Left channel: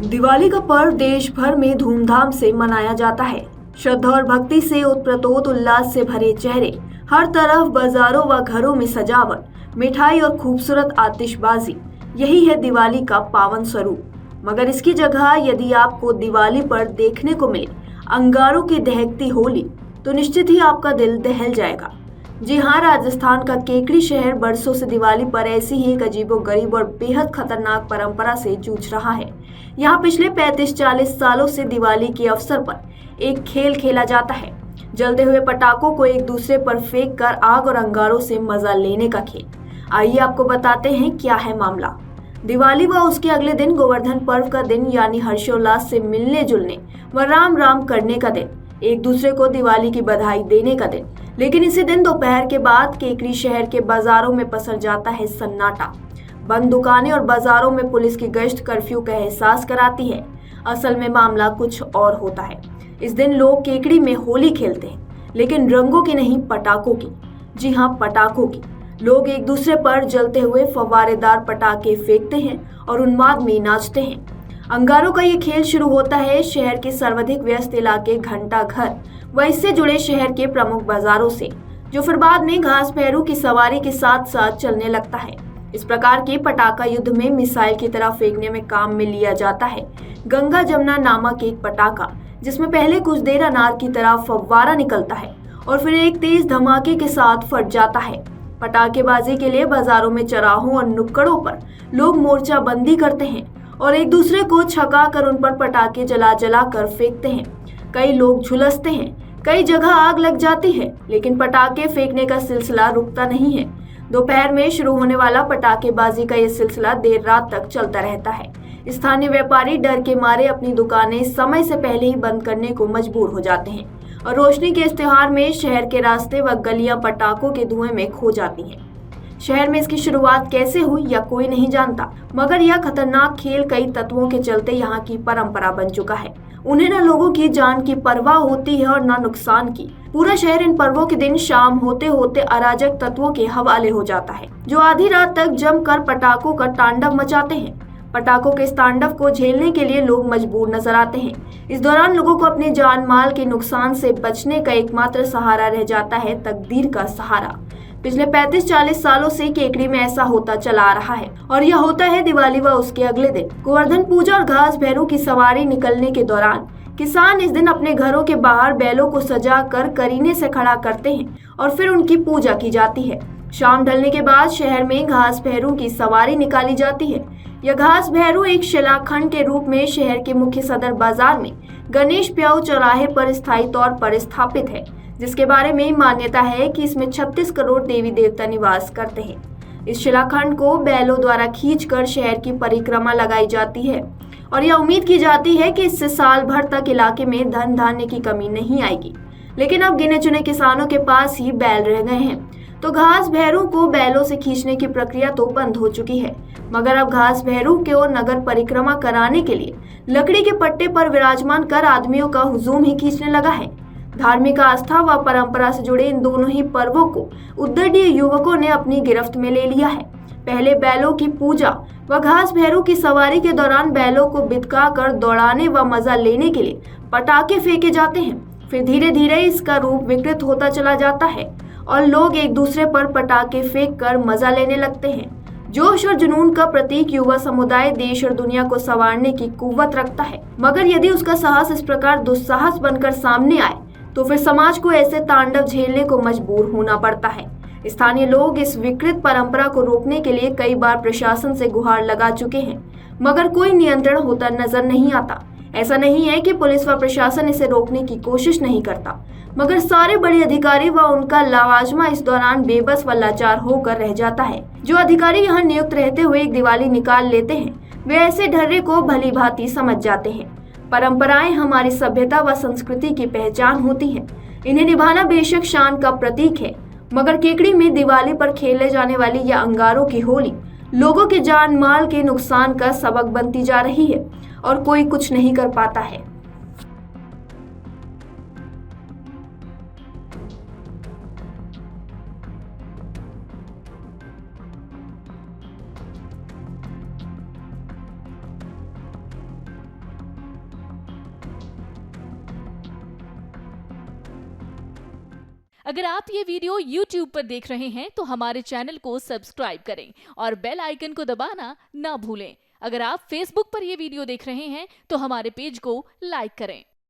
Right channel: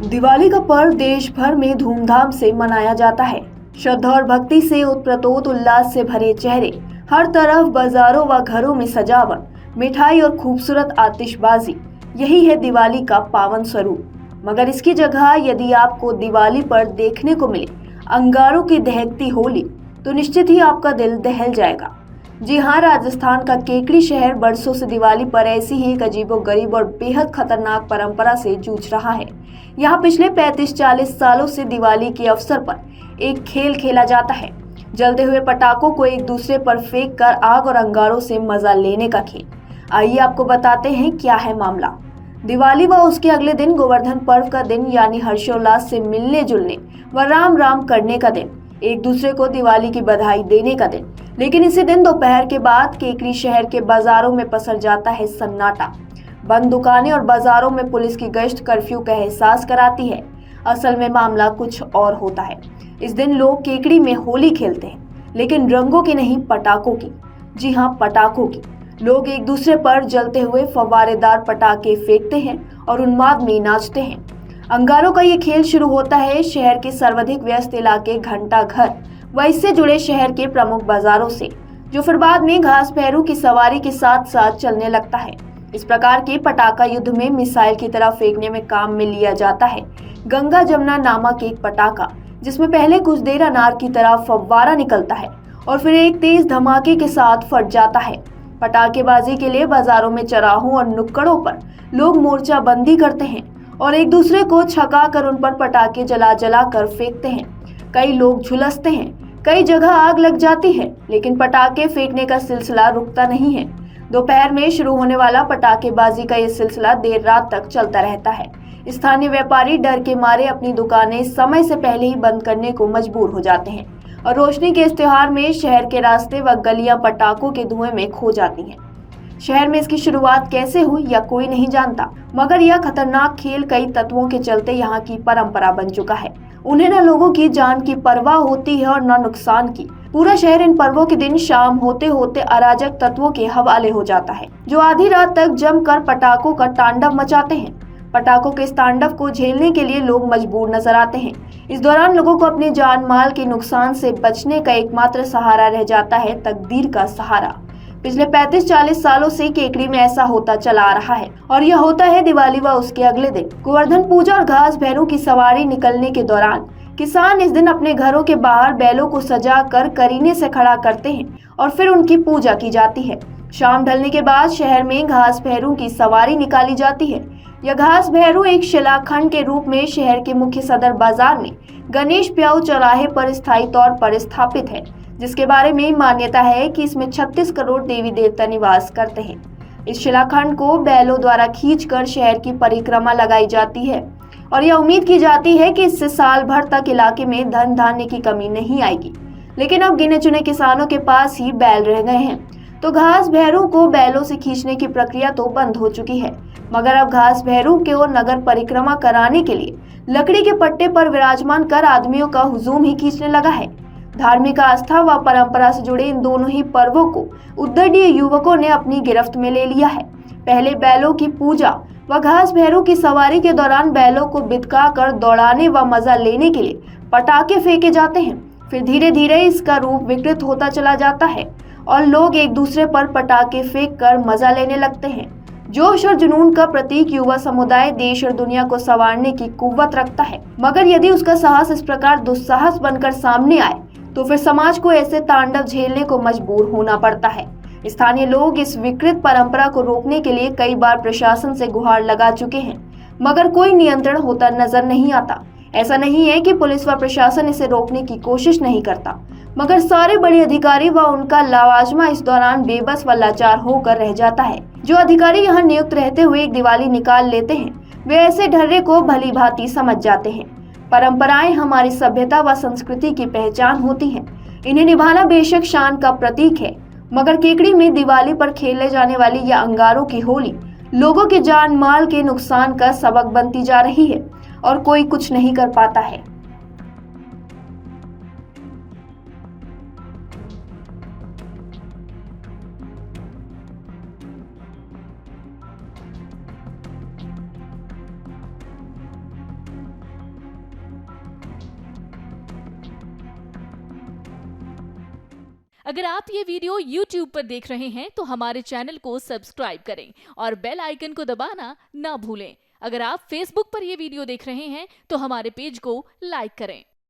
दिवाली का पर्व देश भर में धूमधाम से मनाया जाता है। श्रद्धा और भक्ति से ओतप्रोत उल्लास से भरे चेहरे, हर तरफ बाजारों व घरों में सजावट, मिठाई और खूबसूरत आतिशबाजी, यही है दिवाली का पावन स्वरूप। मगर इसकी जगह यदि आपको दिवाली पर देखने को मिले अंगारों की दहकती होली, तो निश्चित ही आपका दिल दहल जाएगा। जी हाँ, राजस्थान का केकड़ी शहर बरसों से दिवाली पर ऐसी ही एक अजीबोगरीब और बेहद खतरनाक परंपरा से जूझ रहा है। यहाँ पिछले 35-40 सालों से दिवाली के अवसर पर एक खेल खेला जाता है, जलते हुए पटाखों को एक दूसरे पर फेंक कर आग और अंगारों से मजा लेने का खेल। आइए आपको बताते हैं क्या है मामला। दिवाली व उसके अगले दिन गोवर्धन पर्व का दिन, यानी हर्षोल्लास से मिलने जुलने व राम राम करने का दिन, एक दूसरे को दिवाली की बधाई देने का दिन। लेकिन इसी दिन दोपहर के बाद केकड़ी शहर के बाजारों में पसर जाता है सन्नाटा। बंद दुकानें और बाजारों में पुलिस की गश्त कर्फ्यू का एहसास कराती है। असल में मामला कुछ और होता है। इस दिन लोग केकड़ी में होली खेलते हैं, लेकिन रंगों की नहीं, पटाखों की। जी हाँ, पटाखों की। लोग एक दूसरे पर जलते हुए फव्वारेदार पटाखे फेंकते हैं और उन्माद में नाचते हैं। अंगारों का ये खेल शुरू होता है शहर के सर्वाधिक व्यस्त इलाके घंटा घर व इससे जुड़े शहर के प्रमुख बाजारों से, जो फिर बाद में घास पैरों की सवारी के साथ साथ चलने लगता है। इस प्रकार के पटाखा युद्ध में मिसाइल की तरह फेंकने में काम में लिया जाता है गंगा जमुना नामक एक पटाखा, जिसमें पहले कुछ देर अनार की तरह फव्वारा निकलता है और फिर एक तेज धमाके के साथ फट जाता है। पटाखेबाजी के लिए बाजारों में चौराहों और नुक्कड़ों पर लोग मोर्चा बंदी करते हैं और एक दूसरे को छका कर उन पर पटाखे जला जला कर फेंकते हैं। कई लोग झुलसते हैं, कई जगह आग लग जाती है, लेकिन पटाखे फेंकने का सिलसिला रुकता नहीं है। दोपहर में शुरू होने वाला पटाखेबाजी का ये सिलसिला देर रात तक चलता रहता है। स्थानीय व्यापारी डर के मारे अपनी दुकानें समय से पहले ही बंद करने को मजबूर हो जाते हैं और रोशनी के इस त्योहार में शहर के रास्ते व गलियां पटाखों के धुएं में खो जाती हैं। शहर में इसकी शुरुआत कैसे हुई या कोई नहीं जानता, मगर यह खतरनाक खेल कई तत्वों के चलते यहाँ की परंपरा बन चुका है। उन्हें न लोगों की जान की परवाह होती है और न नुकसान की। पूरा शहर इन पर्वों के दिन शाम होते होते अराजक तत्वों के हवाले हो जाता है, जो आधी रात तक जमकर पटाखों का तांडव मचाते हैं। पटाखों के इस तांडव को झेलने के लिए लोग मजबूर नजर आते हैं। इस दौरान लोगों को अपने जान माल के नुकसान से बचने का एकमात्र सहारा रह जाता है तकदीर का सहारा। पिछले 35-40 सालों से केकड़ी में ऐसा होता चला आ रहा है और यह होता है दिवाली व उसके अगले दिन। गोवर्धन पूजा और घास भैरू की सवारी निकलने के दौरान किसान इस दिन अपने घरों के बाहर बैलों को सजा कर करीने से खड़ा करते हैं और फिर उनकी पूजा की जाती है। शाम ढलने के बाद शहर में घास भैरू की सवारी निकाली जाती है। यह घास भैरू एक शिलाखंड के रूप में शहर के मुख्य सदर बाजार में गणेश प्याऊ चौराहे पर स्थायी तौर पर स्थापित है, जिसके बारे में मान्यता है कि इसमें 36 करोड़ देवी देवता निवास करते हैं। इस शिलाखंड को बैलों द्वारा खींचकर शहर की परिक्रमा लगाई जाती है और यह उम्मीद की जाती है कि इससे साल भर तक इलाके में धन धान्य की कमी नहीं आएगी। लेकिन अब गिने चुने किसानों के पास ही बैल रह गए हैं, तो घास भैरू को बैलों से खींचने की प्रक्रिया तो बंद हो चुकी है। मगर अब घास भैरू को नगर परिक्रमा कराने के लिए लकड़ी के पट्टे पर विराजमान कर आदमियों का हुजूम ही खींचने लगा है। धार्मिक आस्था व परंपरा से जुड़े इन दोनों ही पर्वों को उद्दंडी युवकों ने अपनी गिरफ्त में ले लिया है। पहले बैलों की पूजा व घास भैरू की सवारी के दौरान बैलों को बिदका कर दौड़ाने व मजा लेने के लिए पटाखे फेंके जाते हैं। फिर धीरे धीरे इसका रूप विकृत होता चला जाता है और लोग एक दूसरे पर पटाखे फेंक कर मजा लेने लगते हैं। जोश और जुनून का प्रतीक युवा समुदाय देश और दुनिया को संवारने की कुव्वत रखता है, मगर यदि उसका साहस इस प्रकार दुस्साहस बनकर सामने आए तो फिर समाज को ऐसे तांडव झेलने को मजबूर होना पड़ता है। स्थानीय लोग इस विकृत परंपरा को रोकने के लिए कई बार प्रशासन से गुहार लगा चुके हैं, मगर कोई नियंत्रण होता नजर नहीं आता। ऐसा नहीं है कि पुलिस व प्रशासन इसे रोकने की कोशिश नहीं करता, मगर सारे बड़े अधिकारी व उनका लवाजमा इस दौरान बेबस व लाचार होकर रह जाता है। जो अधिकारी यहाँ नियुक्त रहते हुए एक दिवाली निकाल लेते हैं, वे ऐसे ढर्रे को भली भांति समझ जाते हैं। परंपराएं हमारी सभ्यता व संस्कृति की पहचान होती हैं। इन्हें निभाना बेशक शान का प्रतीक है, मगर केकड़ी में दिवाली पर खेले जाने वाली यह अंगारों की होली लोगों के जान माल के नुकसान का सबक बनती जा रही है और कोई कुछ नहीं कर पाता है। अगर आप ये वीडियो YouTube पर देख रहे हैं तो हमारे चैनल को सब्सक्राइब करें और बेल आइकन को दबाना ना भूलें। अगर आप Facebook पर ये वीडियो देख रहे हैं तो हमारे पेज को लाइक करें।